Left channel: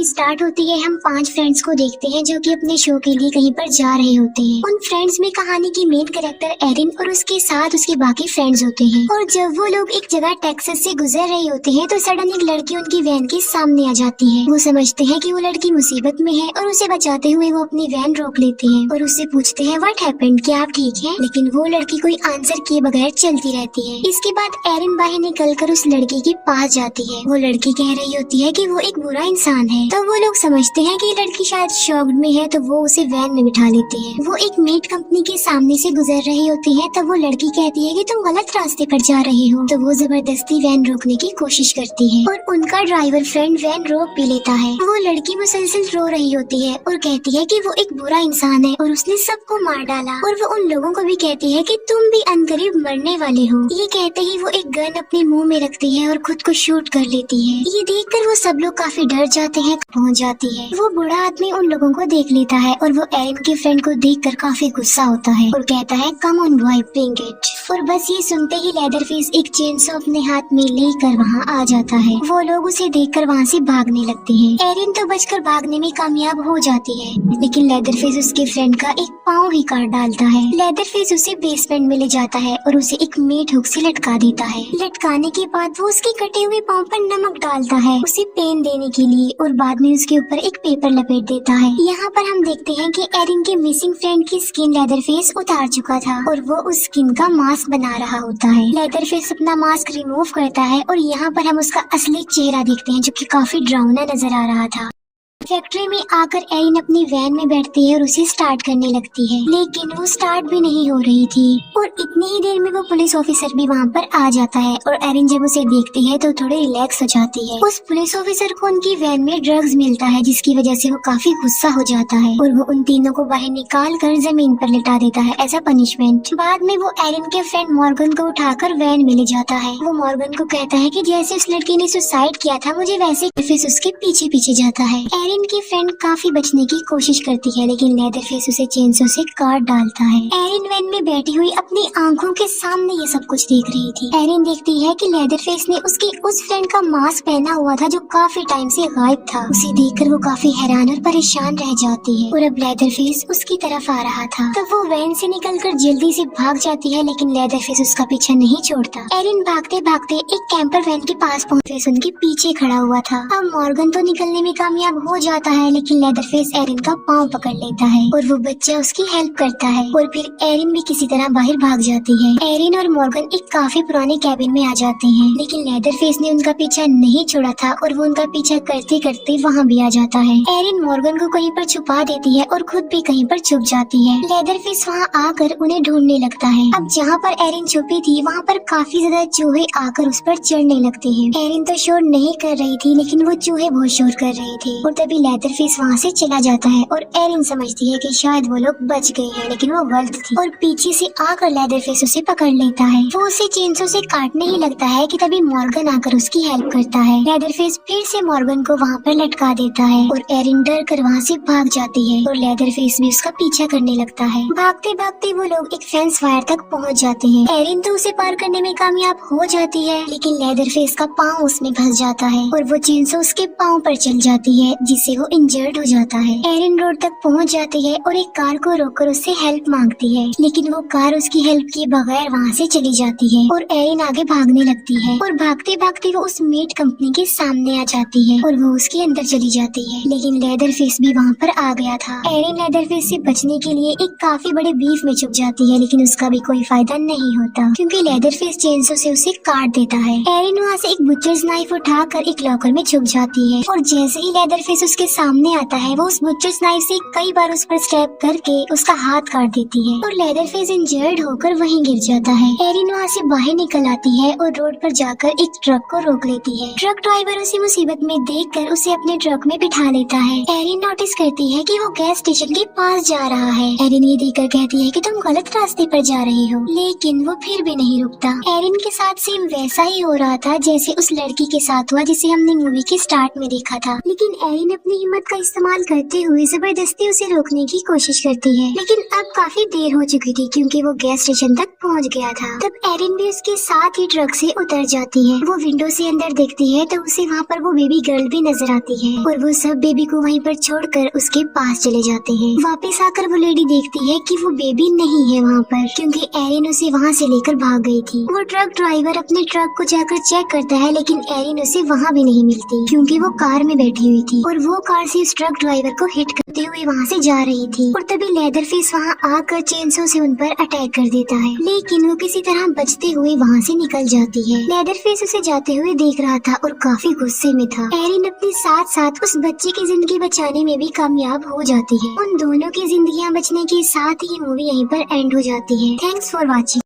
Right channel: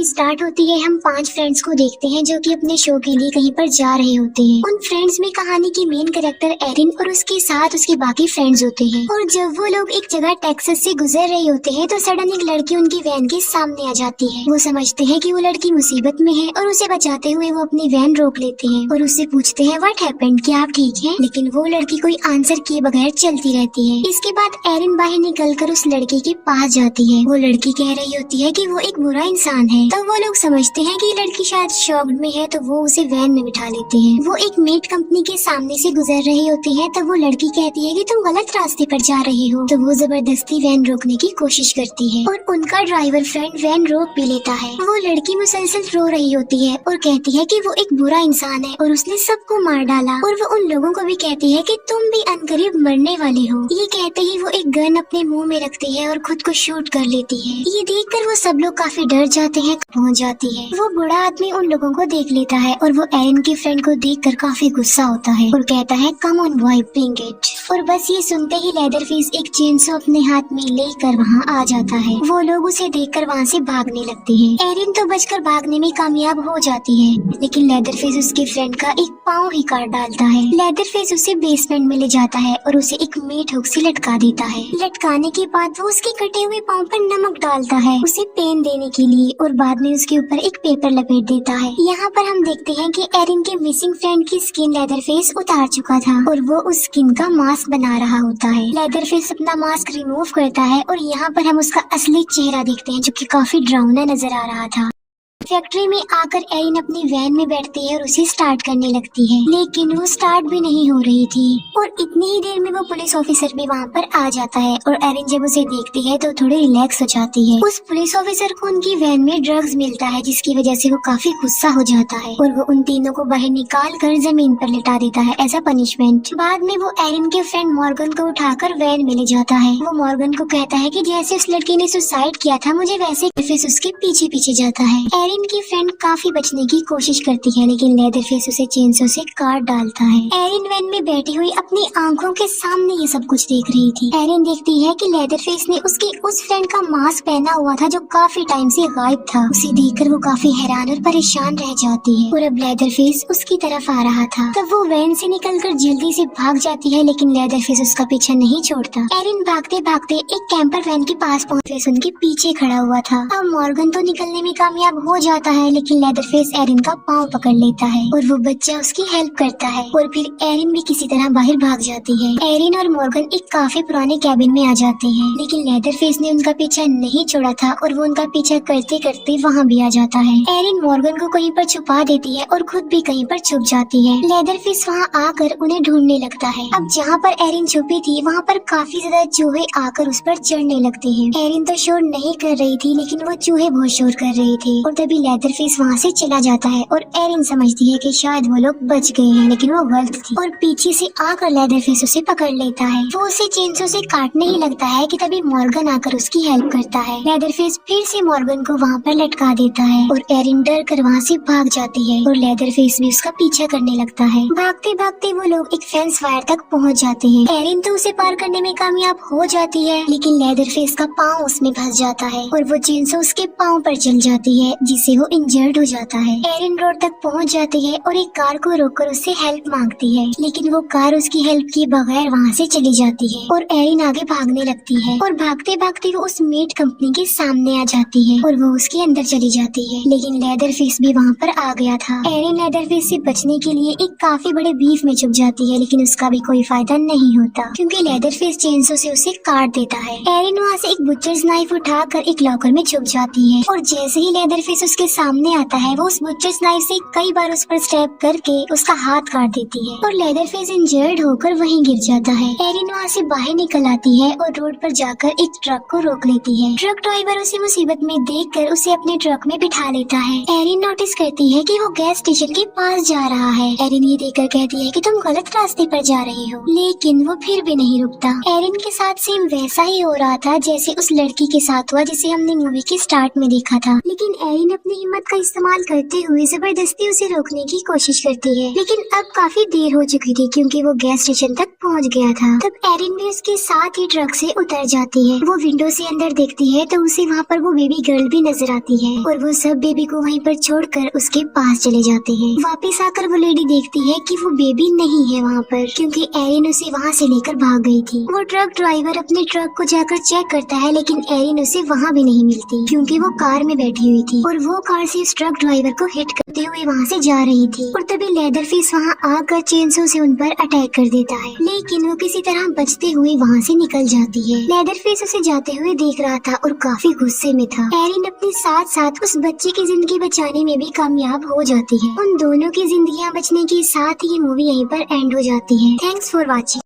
Movie start होती है हम 5 फ्रेंड्स को देखते हैं जो कि अपने शो के लिए कहीं पर जा रहे होते हैं। उन फ्रेंड्स में कहानी की मेन कैरेक्टर एरिन और उसके साथ उसके बाकी फ्रेंड्स होते हैं। और जब वो लोग एक जगह टेक्सास से गुजर रहे होते हैं तो सडन एक लड़की उनकी वैन के सामने आ जाती है। वो समझते हैं कि वो लड़की मुसीबत में है और उसे बचाते हुए वो अपनी वैन रोक लेते हैं और उससे पूछते हैं व्हाट हैपेंड, क्या आप ठीक हैं? लेकिन वो लड़की कोई आंसर किए बगैर चलती रहती है। इसके बाद एरिन बाहर निकलकर उस लड़की के पास जाती है। वो लड़की कह रही होती है कि वो एक बुरा इंसान है। तब वो लोग समझते हैं कि लड़की शायद शॉक्ड में है तो वो उसे वैन में बिठा लेते हैं। वो एक मीट कंपनी के सामने से गुजर रहे होते हैं तब वो लड़की कहती है कि तुम गलत रास्ते पर जा रहे हो। तो वो जबरदस्ती वैन रोकने की कोशिश करती है और उनका ड्राइवर फ्रेंड वैन रोक भी लेता है। वो लड़की मुसलसल रो रही होती है और कहती है कि वो एक बुरा इंसान है और उसने सबको मार डाला। और वो उन लोगों को भी कहती है कि तुम भी अनकरीब मरने वाले हो। ये कहते ही वो एक गन अपने मुंह में रखती है और खुद को शूट कर लेती है। ये देखकर वो सब लोग काफी डर जाते हैं। पहुंच जाती है। वो बूढ़ा आदमी उन लोगों को देख लेता है और वो एरिन के फ्रेंड को देखकर काफी गुस्सा होता है और कहता है come on boy bring it. और बस ये सुनते ही लेदरफेस एक चेनसॉ अपने हाथ में लेकर वहाँ आ जाता है। वो लोग उसे देखकर वहाँ से भागने लगते हैं। एरिन तो बचकर भागने में कामयाब हो जाती है लेकिन लेदरफेस उसके फ्रेंड का एक पाँव ही काट डालता है। लेदरफेस उसे बेसमेंट में ले जाता है और उसे एक मीट हुक से लटका देता है। लटकाने के बाद वो उसके कटे हुए पाँव पर नमक डालता है उसे पेन देने के लिए और बाद में उसके ऊपर एक पेपर लपेट देता है। यहाँ पर हम देखते हैं कि एरिन के मिसिंग फ्रेंड की स्किन लेदरफेस उतार चुका था और वो उस स्किन का मास्क बना रहा होता है। लेदरफेस अपना मास्क रिमूव करता है और यहाँ पर हम उसका असली चेहरा देखते हैं जो कि काफी डरावना नजर आ रहा था। फैक्ट्री में आकर एरिन अपनी वैन में बैठती है और उसे स्टार्ट करने लगती है लेकिन वो स्टार्ट भी नहीं हो रही थी और इतनी ही देर में वो पुलिस ऑफिसर भी वहाँ पर आ जाता है और एरिन जब उसे देखती है तो थोड़ी रिलैक्स हो जाती है। उस पुलिस ऑफिसर को उनकी वैन में ड्रग्स मिलता है जिसकी वजह से वो काफी गुस्सा हो जाता है और वो उन तीनों को बाहर निकाल कर जमीन पर लिटा देता है एज अ पनिशमेंट। बाद में वो एरिन के फ्रेंड मॉर्गन को उठाकर वैन में ले जाता है। वो मॉर्गन को कहता है कि जैसे उस लड़की ने सुसाइड किया था मुझे वैसे फिर उसके पीछे पीछे जाता है। एरिन की फ्रेंड काफी बचने की कोशिश करती है लेकिन लेदरफेस उसे चेनसॉ से काट डालता है। एरिन वैन में बैठी हुई अपनी आंखों के सामने ये सब कुछ देख रही थी। एरिन देखती है कि लेदरफेस ने उसके उस फ्रेंड का मास्क पहना हुआ था जो काफी टाइम से गायब था। उसे देखकर वो काफी हैरान और परेशान रह जाती है और अब लेदरफेस उसकी तरफ आ रहा था। तब वो वैन से निकलकर जल्दी से भाग जाती है लेकिन लेदरफेस उसका पीछा नहीं छोड़ता। एरिन भागते भागते एक कैंपर वैन के पास पहुँच उनके पीछे खड़ा हुआ था। अब मॉर्गन तो निकलने में कामयाब हो जाता है लेकिन लेदरफेस एरिन का पाँव पकड़ लेता है और वो बच्चा उसकी हेल्प करता है और फिर एरिन भी किसी तरह बाहर भाग जाती है। एरिन और मॉर्गन एक काफी पुराने कैबिन में आ जाते हैं लेकिन लेदरफेस ने उनका पीछा नहीं छोड़ा था और वो उनका पीछा करते करते वहाँ भी आ जाता है। एरिन मॉर्गन को कहीं पर छुपा देती है और खुद भी कहीं पर छुप जाती है। लेदरफेस वहाँ आकर उन्हें ढूंढने लगता है। अब जहाँ पर एरिन छुपी थी वहाँ पर काफी ज्यादा चूहे आकर उस पर चढ़ने लगते हैं। एरिन तो शोर नहीं कर रही थी लेकिन वो चूहे बहुत शोर कर रहे थे और तभी लेदरफेस वहाँ से चला जाता है और एरिन समझती है कि शायद वो लोग बच गए हैं लेकिन वो गलत थी और पीछे से आकर लेदरफेस उसे पकड़ लेता है। वो उसे चेनसॉ से काटने ही लगता है कि तभी मॉर्गन आकर उसकी हेल्प करता है। लेदरफेस फिर से मॉर्गन को वहाँ पर लटका देता है और एरिन डर कर वहाँ से भाग जाती है और लेदरफेस भी उसका पीछा करने लगता है। भागते भागते वो लोग एक फेंस वायर तक पहुँच जाते हैं। एरिन तो उसे पार करने में कामयाब हो जाती है लेकिन लेदरफेस का पाँव उसमें फंस जाता है और वो चेनसॉ उसके पाँव पर चल जाती है जिससे वो इंजर्ड हो जाता है। एरिन रोड तक पहुंच जाती है और एक कार को रोककर उससे हेल्प मांगती है लेकिन वो कार उसकी हेल्प किए बगैर वहाँ से चली जाती है और एरिन आगे भागने लगती है और भागते भागते वो उस मीट कंपनी के सामने आ जाती है और वो उसके अंदर चली जाती है लेकिन लेदरफेस भी वहाँ पर आ गया था। एरिन लेदरफेस से बचने के लिए एक काफी बड़े बीफ में छुप जाती है लेकिन उसका भी कोई फायदा नहीं होता क्योंकि लेदरफेस चेनसॉ से उसे काट देता है। एरिन वहाँ से एक बुचर्स नाइफ उठाकर एक लॉकर में छुप जाती है और जैसे ही लेदरफेस उसके सामने आता है वो उस बुचर्स नाइफ से कई बार उस पर स्टेप करके उसका हाथ काट देती है और लेदरफेस इंजर्ड होकर वहीं गिर जाता है। एरिन वहाँ से बाहर निकल आती है और रोड पर जाकर एक ट्रक को रोक लेती है। ट्रक ड्राइवर उसे मुसीबत में देखकर उसे अपने ट्रक में बिठा लेता है। एरिन नोटिस करती है कि वो गैस स्टेशन के पास जा रहा है। एरिन ये देखकर कहती है कि तुम गलत रास्ते पर जा रही हो लेकिन वो फिर भी नहीं रुकता। एरिन के साथ सेम वैसा ही हो रहा था जैसे उस लड़की के साथ हुआ जिसे हमने मूवी के स्टार्ट में देखा था लेकिन एरिन एरिन अपनी हिम्मत का इस्तेमाल करते हुए जबरदस्ती उसे रोकने की कोशिश करती है, लेकिन अब काफी देर हो चुकी थी क्योंकि वो गैस स्टेशन तक पहुंच गया था। तब एरिन भी उसके साथ ही ट्रक से उतर जाती है। वो विंडो से अंदर देखती है तो उसे वहाँ पर वो बेबी गर्ल भी नजर आती है और वो सब बेबी को वहीं पर छोड़कर उसके पास चले जाते हैं। वापस आकर वो लेडी देखती है कि वो बेबी नहीं है वहाँ पर, क्योंकि एरिन उसे वहाँ से लेकर भाग गई थी। वो ट्रक ड्राइवर अपने ट्रक को जाकर चेक करता है, लेकिन एरिन उसे वहाँ भी नहीं मिलती क्योंकि वो कार में बैठी हुई थी और वो कार से उस ट्रक ड्राइवर को हिट करते हुए वहाँ से जा रही थी। और तभी लेदरफेस वहाँ आकर चेनसो से उन पर अटैक कर देता है, लेकिन वो किसी तरह बचते हुए वहाँ से निकल जाती है। लेदरफेस उसे जाते हुए देख रहा था और काफी गुस्से में था। एरिन अपने साथ साथ उस बच्ची की जिंदगी बचाने में भी कामयाब हो जाती है। उन दोनों की जिंदगियां बचने के साथ ही मूवी यहीं पर एंड हो जाती है। Thanks for watching.